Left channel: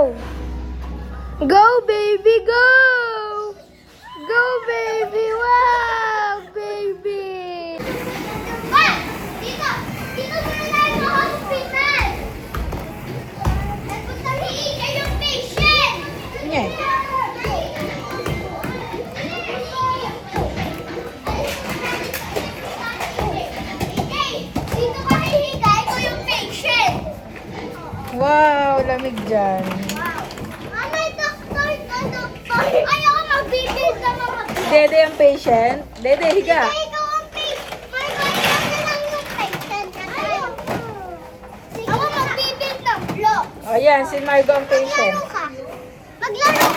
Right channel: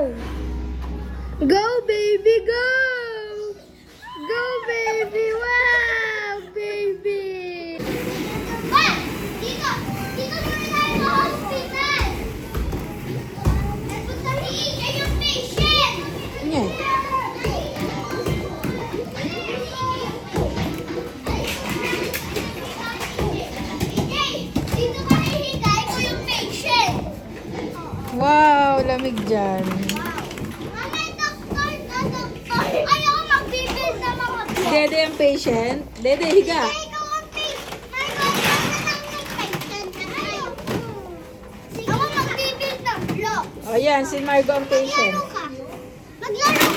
Go! Go, baby, go! Go, baby! Wow, baby! Ay! Dito! Dito muna tayo sa hospital! Nagpuntahin kayo yung patient! Nye. Dito ka hihiga, ito yung patient! Wow, lamig dyan. Mama, doktor ka, doktor! Ayoko magbibil sa mga block! Dede ang patient. Dede, higa. Ikaw ang patient! Ako magbibil ng block! O yan, si Margo ang patient. Maglaro ka! Maglaro